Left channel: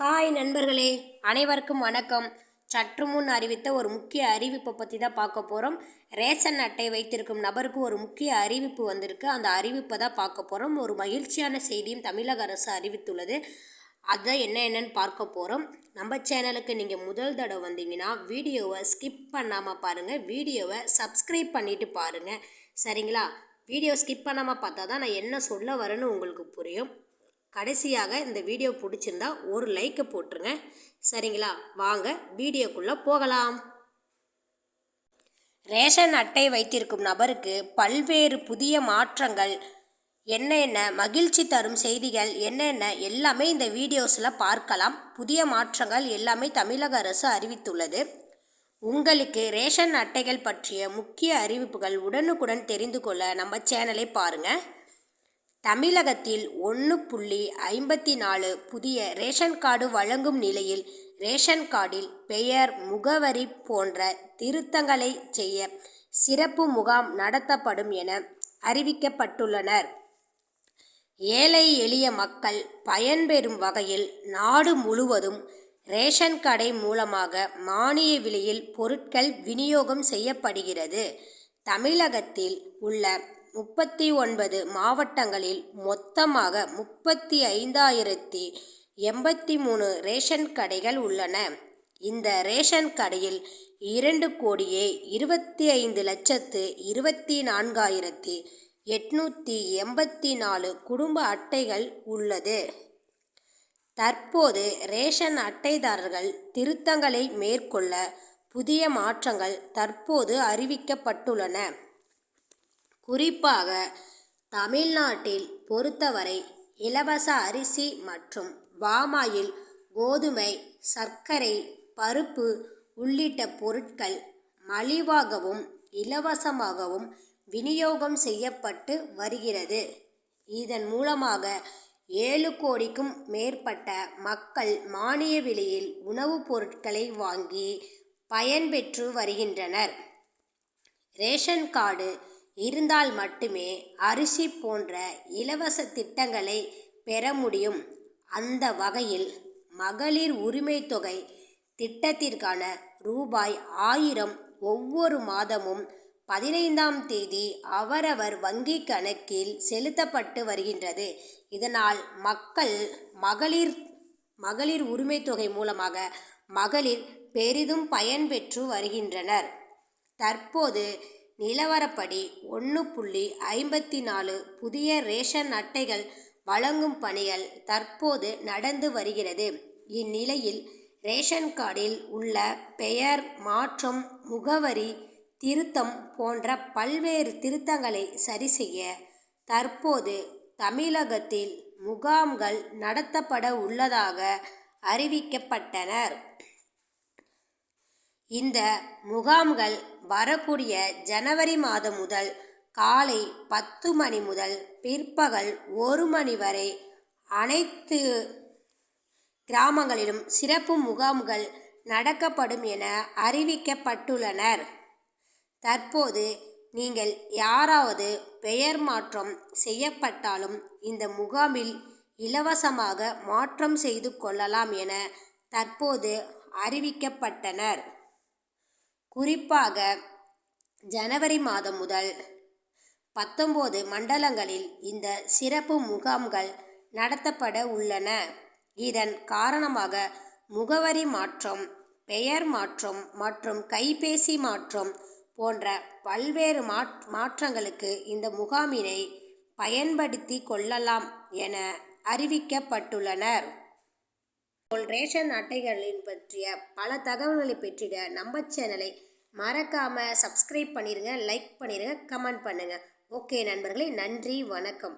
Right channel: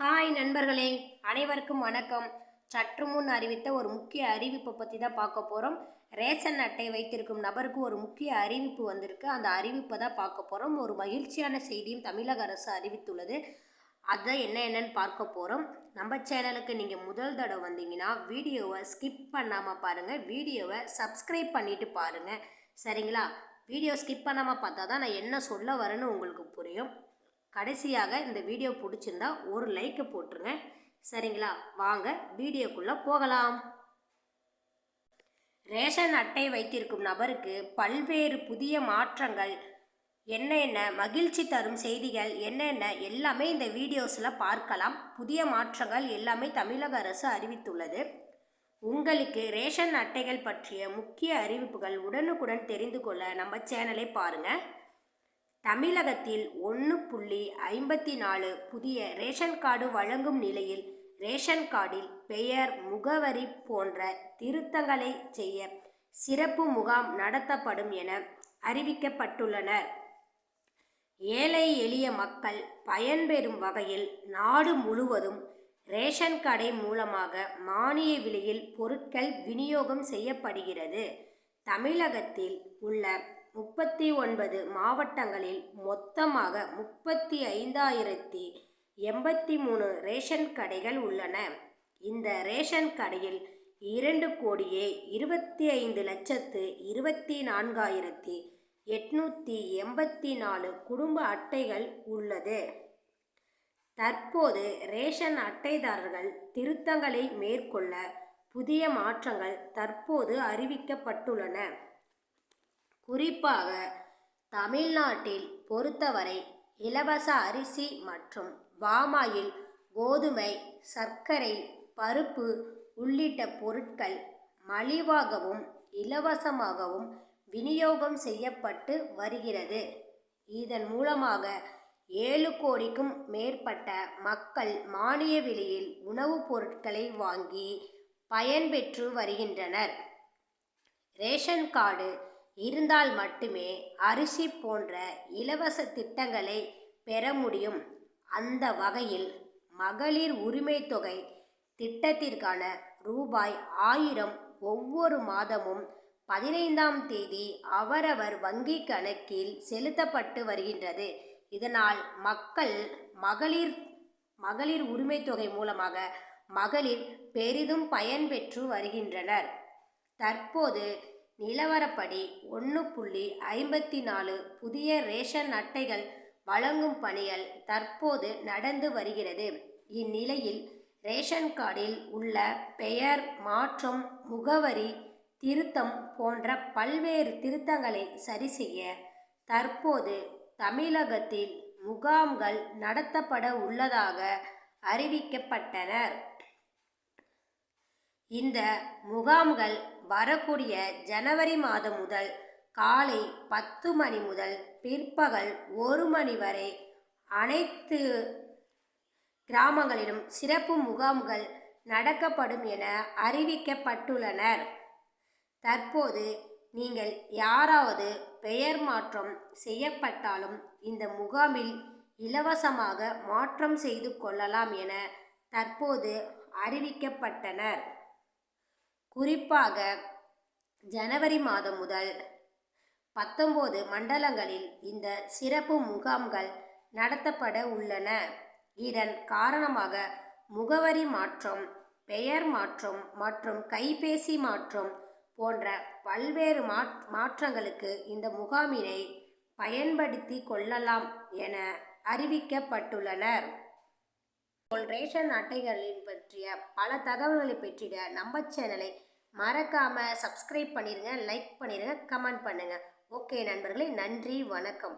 Hi நண்பர்களே அனைவருக்கும் வணக்கம். சற்று முன் அறிவித்த ஒரு முக்கிய அறிவிப்பை பற்றி தான் பார்க்க போகிறோம் ரேஷன் அட்டை வைத்திருக்கும் நபருக்கு ஒரு முக்கிய அறிவிப்பு வந்திருக்கு. அந்த அறிவிப்பை தான் பார்க்க போகிறோம் ஒரு மகிழ்ச்சியான செய்தியும் தமிழக அரசு அறிவித்துள்ளது. அதை என்ன என்னன்னு பார்க்க போகிறோம் நம்ம சேனலுக்கு நீங்கள் முதல் தடவை வந்தீங்கன்னா வீடியோவை ஸ்கிப் பண்ணாமல் பாருங்கள் வீடியோவை சப்ஸ்கிரைப் பண்ணிவிட்டு பாருங்கள் சரிங்களா? வீடியோ ஸ்கிப் பண்ணாமல் பார்த்தா தான் நான் என்ன சொல்ல வரேன்னு உங்களுக்கு புரியும். கடைசியாக இந்த வீடியோ பிடிச்சிருந்தா ஒரு லைக்கை போட்டுருங்க. சரிங்களா? வாங்க வீடியோக்குள்ளே போகலாம். ரேஷன் அட்டை வைத்திருக்கும் நபருக்கு பல்வேறு புதிய மாற்றங்கள் என்னென்ன மகிழ்ச்சி தரும் செய்திகள் என்னென்ன எல்லாமே இந்த வீடியோஸில் பார்க்கலாம். புதிய மாற்றங்கள் எல்லாமே தமிழக அரசு அறிவித்துள்ளது. உங்களுக்கு ரேஷன் அட்டைகள் பற்றிய முக்கிய அறிவிப்புகள் உடனுக்குடன் தெரிந்து கொள்ள நம்ம சேனலை பாருங்கள் தமிழகத்தில் ஒன்று புள்ளி ஐம்பத்தி நாலு புதிய ரேஷன் கார்டு வழங்கும் நிலையில் ரேஷன் கார்டில் பெயர் முகவரி போன்ற திருத்தங்களை செய்ய சிறப்பு முகாம் நடத்தப்படும் என அறிவிக்கப்பட்டுள்ளனர். ஏழை எளிய மக்கள் பயன்பெறும் வகையில் நாடு முழுவதும் ரேஷன் கடை மூலமாக மானிய விலையில் பொருட்கள் விநியோகம் செய்யப்படுகிறது. தமிழகத்தில் உள்ள முப்பத்தி ஒன்பது மாவட்டங்களில் மொத்தமாக முப்பத்தி ஐந்தாயிரத்தி எண்பத்தி மூணு ரேஷன் கடைகள் உள்ளன. இந்த ரேஷன் கடையில் இரண்டு கோடியே இருபத்தி ஐந்து லட்சத்து இருபத்தி நான்காயிரத்தி எட்நூற்றி எண்பத்தி நாலு குடும்ப அட்டைகள் உள்ளது. தற்போது ரேஷன் அட்டைதாரர்கள் திருத்தங்களை மேற்கொள்ள புதிய மாற்றங்கள் தற்போது அறிவிக்கப்பட்டுள்ளன. குறிப்பாக தமிழ்நாட்டில் பொறுத்தவரை இலவச அரிசி மற்றும் பாமாயில் கோதுமை சர்க்கரை பருப்பு உள்ளிட்ட பொருட்கள் மலிவாகவும் இலவசமாகவும் விநியோகம் செய்யப்பட்டு வருகிறது. இதன் மூலமாக ஏழு கோடிக்கும் மேற்பட்ட மக்கள் மானிய விலையில் உணவுப் பொருட்களை வாங்கி பயன்பெற்று வருகின்றனர். ரேஷன் கார்டு இருந்தால் மட்டுமே அரிசி போன்ற இலவச திட்டங்களை பெற முடியும். அந்த வகையில் மகளிர் உரிமை தொகை திட்டத்திற்கான ரூபாய் ஆயிரம் ஒவ்வொரு மாதமும் பதினைந்தாம் தேதி அவரவர் வங்கி கணக்கில் செலுத்தப்பட்டு வருகின்றது. இதனால் மக்கள் மகளிர் மகளிர் உரிமை தொகை மூலமாக மகளிர் பெரிதும் பயன்பெற்று வருகின்றனர். தற்போது நிலவரப்படி ஒன்று புள்ளி ஐம்பத்தி நாலு புதிய ரேஷன் அட்டைகள் வழங்கும் பணிகள் தற்போது நடந்து வருகிறது. இந்நிலையில் ரேஷன் கார்டில் உள்ள பெயர் மாற்றம் முகவரி திருத்தம் போன்ற பல்வேறு திருத்தங்களை சரி செய்ய தற்போது தமிழகத்தில் முகாம்கள் நடத்தப்பட உள்ளதாக அறிவிக்கப்பட்டனர். இந்த முகாம்கள் வரக்கூடிய ஜனவரி மாதம் முதல் காலை பத்து மணி முதல் பிற்பகல் ஒரு மணி வரை அனைத்து கிராமங்களிலும் சிறப்பு முகாம்கள் நடக்கப்படும் என அறிவிக்கப்பட்டுள்ளனர். தற்போது நீங்கள் யாராவது பெயர் மாற்றம் செய்யப்பட்டாலும் இந்த முகாமில் இலவசமாக மாற்றம் செய்து கொள்ளலாம் என தற்போது அறிவிக்கப்பட்டனர். குறிப்பாக ஜனவரி மாதம் முதல் பத்தொம்போது மண்டலங்களில் இந்த சிறப்பு முகாம்கள் நடத்தப்பட உள்ளன. இதன் காரணமாக முகவரி மாற்றம் பெயர் மாற்றம் மற்றும் கைபேசி மாற்றம் போன்ற பல்வேறு மாற்றங்களுக்கு இந்த முகாமினை பயன்படுத்தி கொள்ளலாம் என அறிவிக்கப்பட்டுள்ளனர். ரேஷன் அட்டைகளின் பற்றிய பல தகவல்களை பெற்றிட நம்ம சேனலை மறக்காமல் சப்ஸ்கிரைப் பண்ணிடுங்க லைக் பண்ணிடுங்க கமெண்ட் பண்ணுங்கள் ஓகே நண்பர்களே நன்றி வணக்கம்.